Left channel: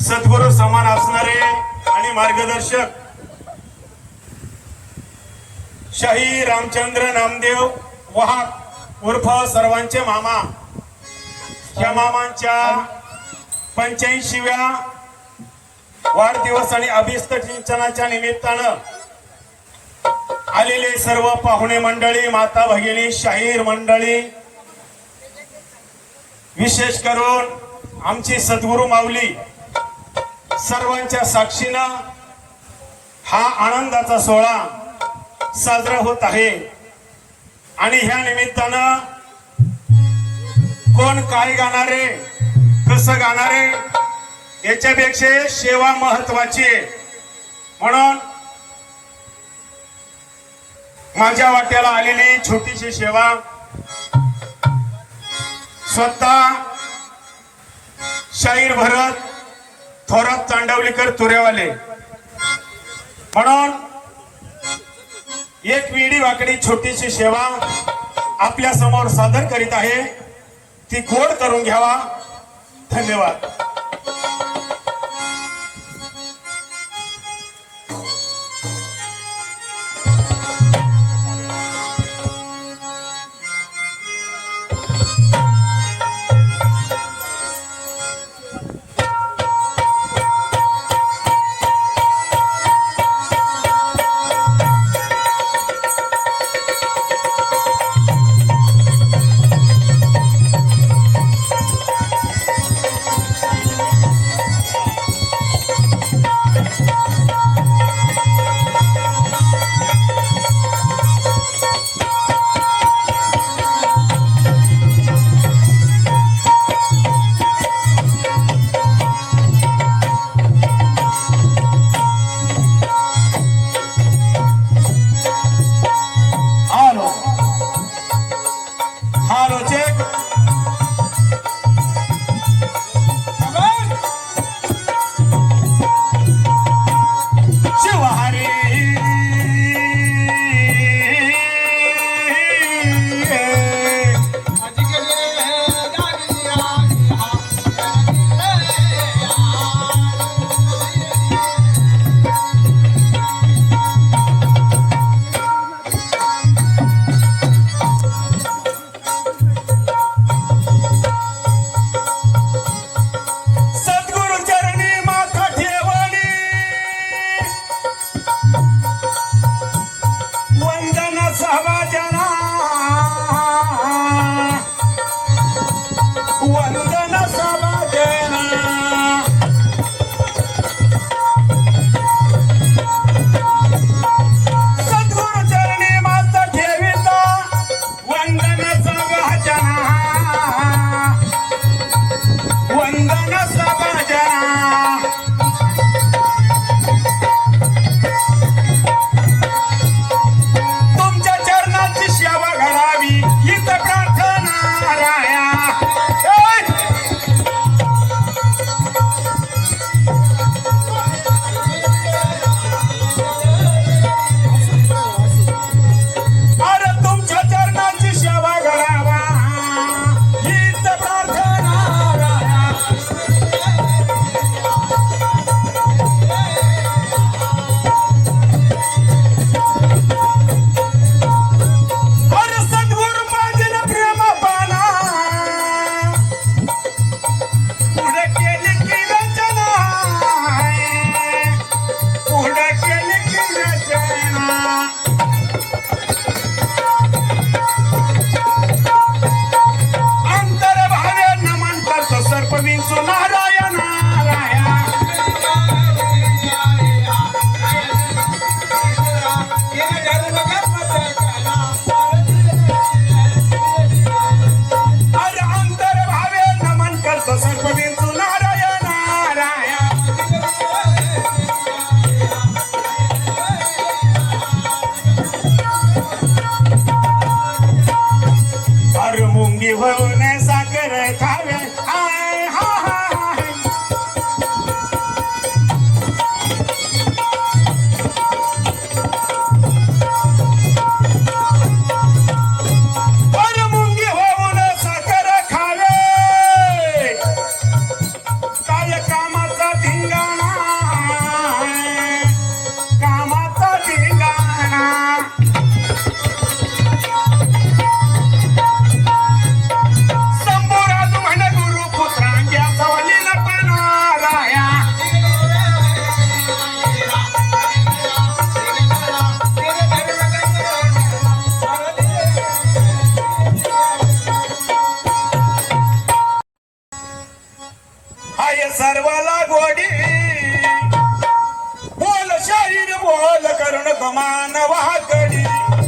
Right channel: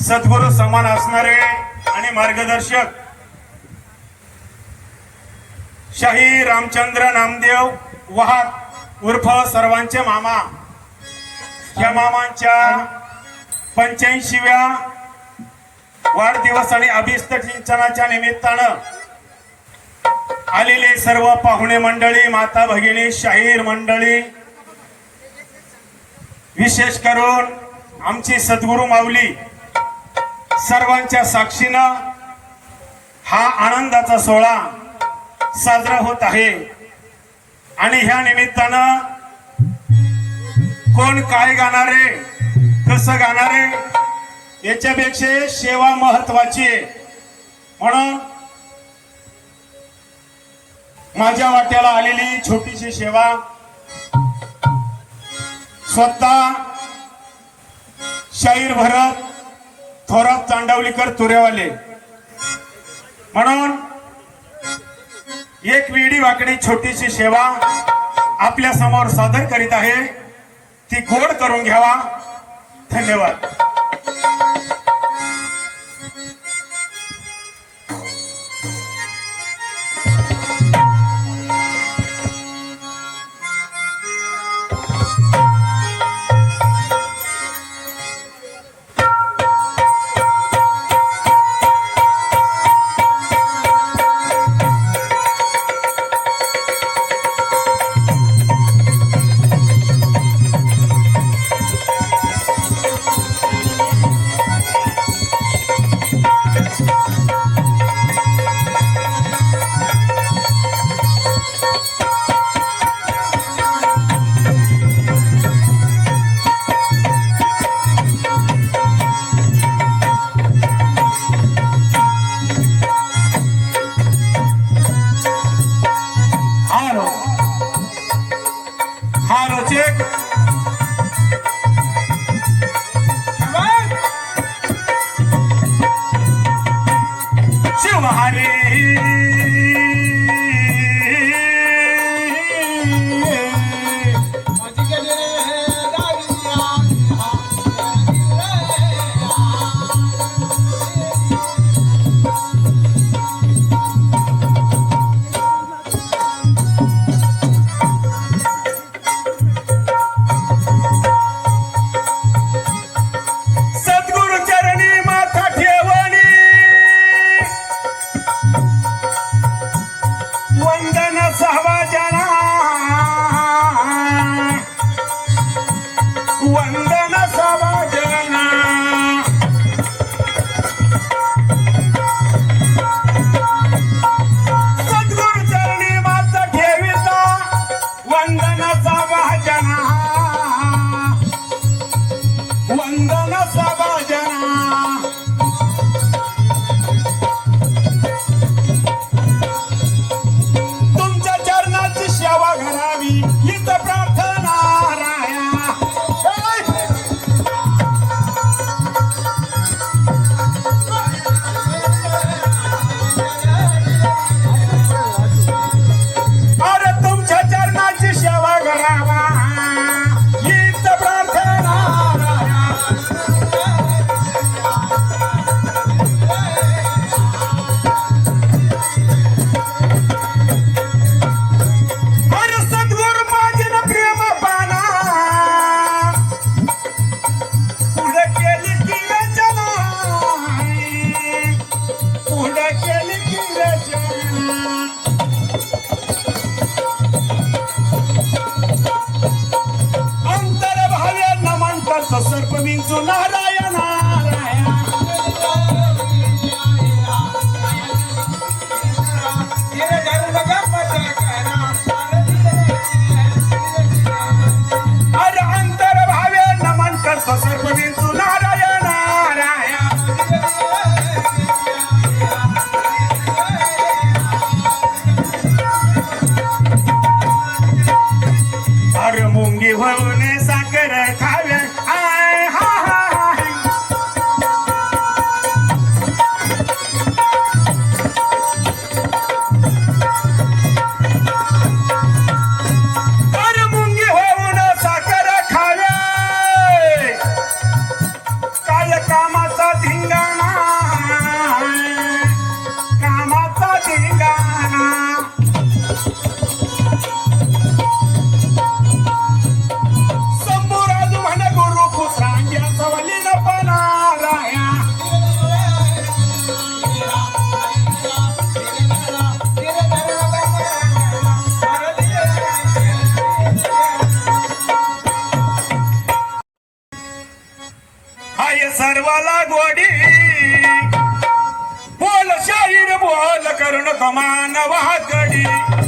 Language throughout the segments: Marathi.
सद्गुरू समान असणारे आणि मार्गदर्शक शाही रामचंद्र नामदेव वाहक उर्फ सर्वांचे मामा. या मामांच्या पंच्याऐंशीव्या वाढदिवस आणि अभिस्त सिंचनाच्या निमित्तानं आलेले सर्व पाहुणे मंडळी माता भगिनी शाहीर मंडळी विशेष करून आमची सद्गुरू माऊली सर्वांच्या साक्षीनं हा आनंदाचा सोहळा साजरा होत आहे. आणि ह्या निमित्तानं कोण काय गाणारे कसं गाणारे याच्यापेक्षा सेवा महत्वाची म्हणून माझ्या वाट्याला आलेली छोटीशी सेवा स्वतः शाहीर भरत थोरात चांडवलीकर तुरेवाले. म्हणून एक वेडी वाकडी छोटीशी सेवा आपल्यासमोर सादर करीत आहे. ती गोड करून घ्यावा. धन्यवाद. सर्प कमान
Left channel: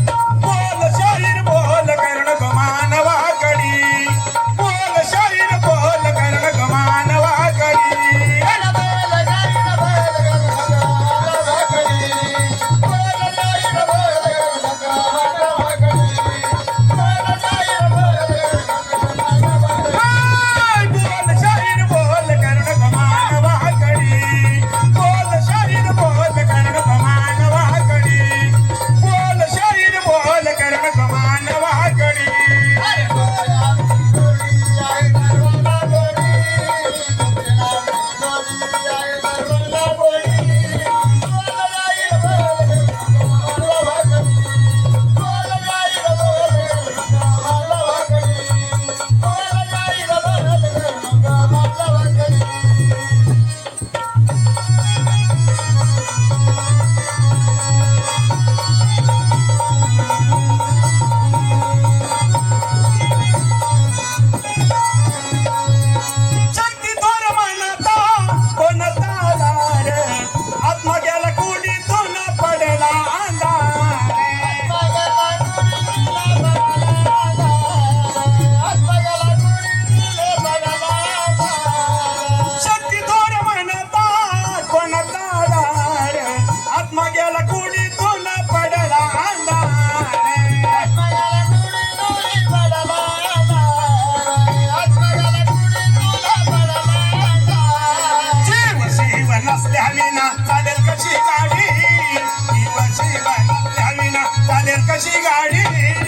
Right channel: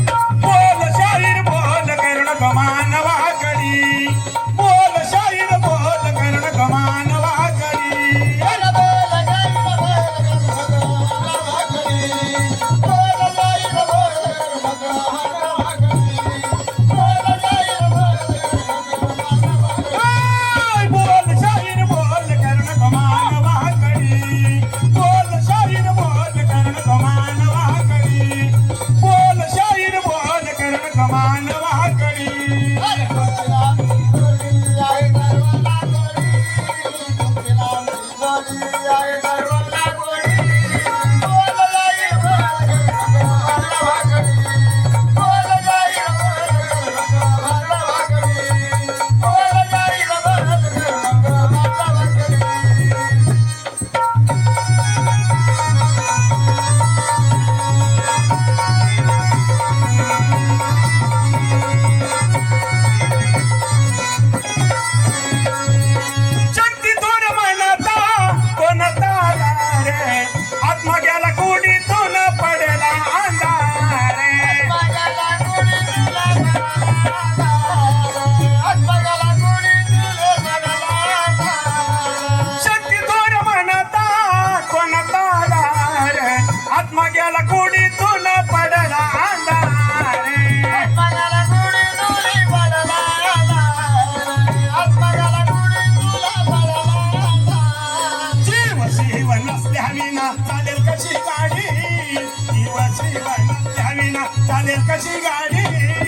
चालेल कशी गाडी?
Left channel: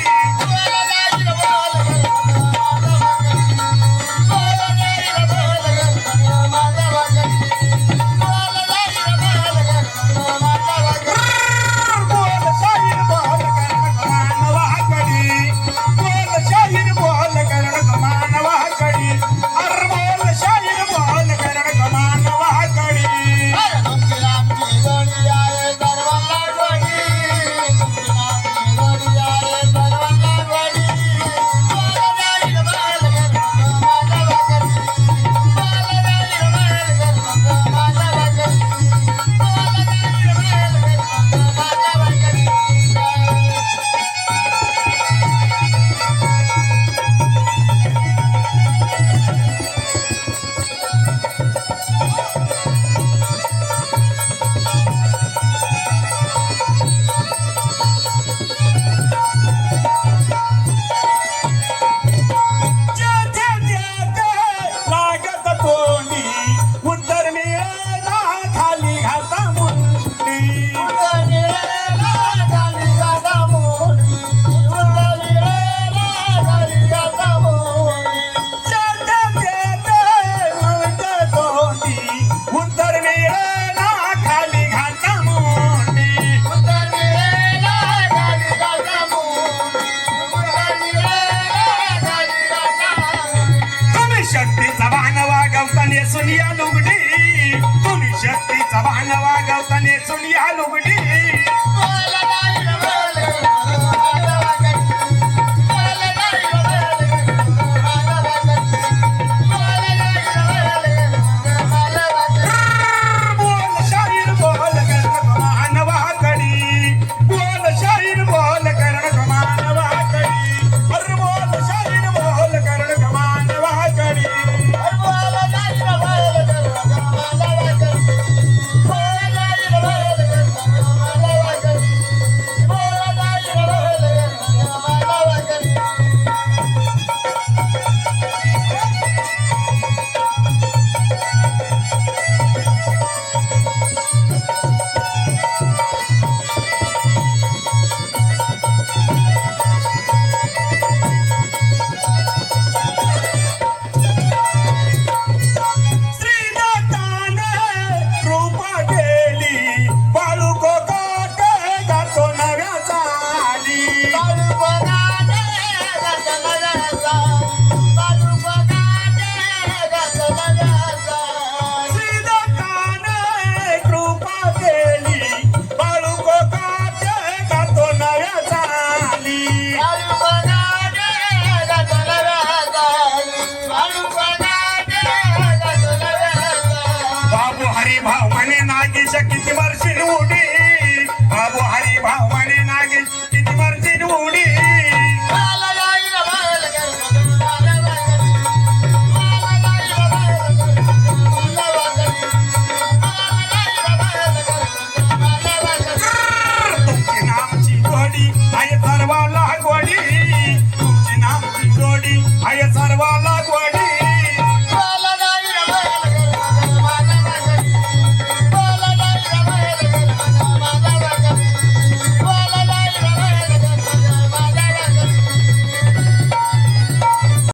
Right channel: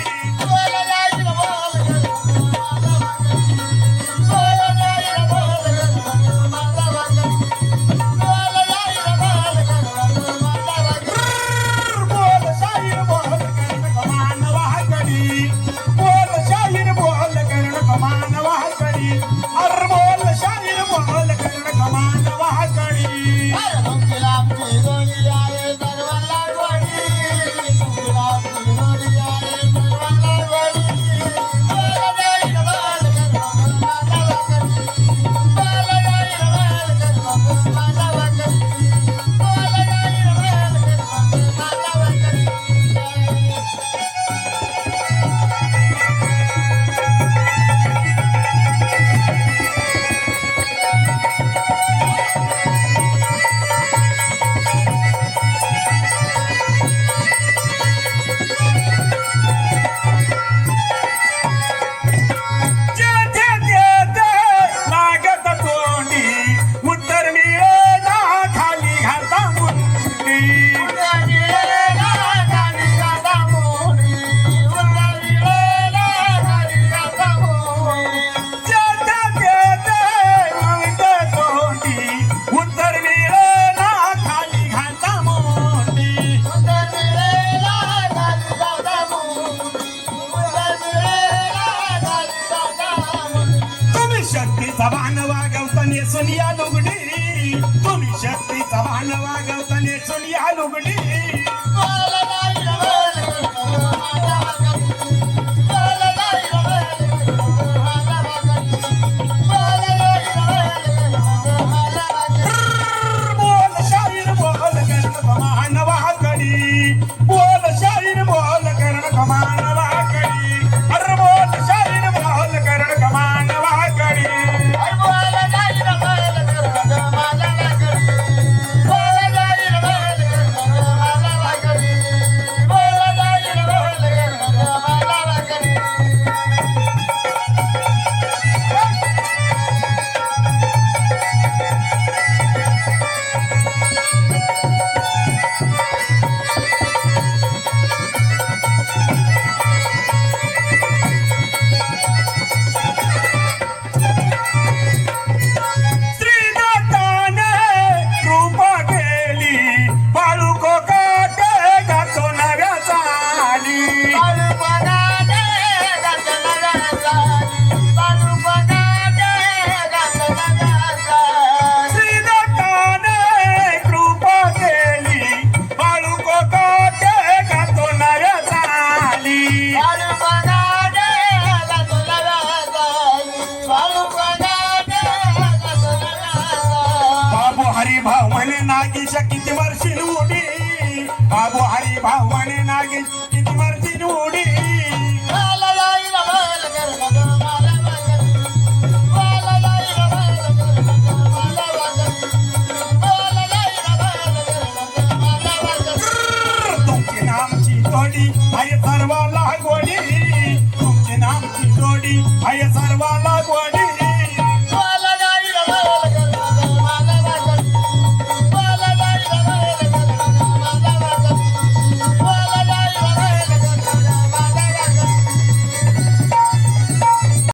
किती वर्षी उडी बाबू हरी भावाने नागे किती वर्षी उडी तुमची नामची तोडी आई सर्व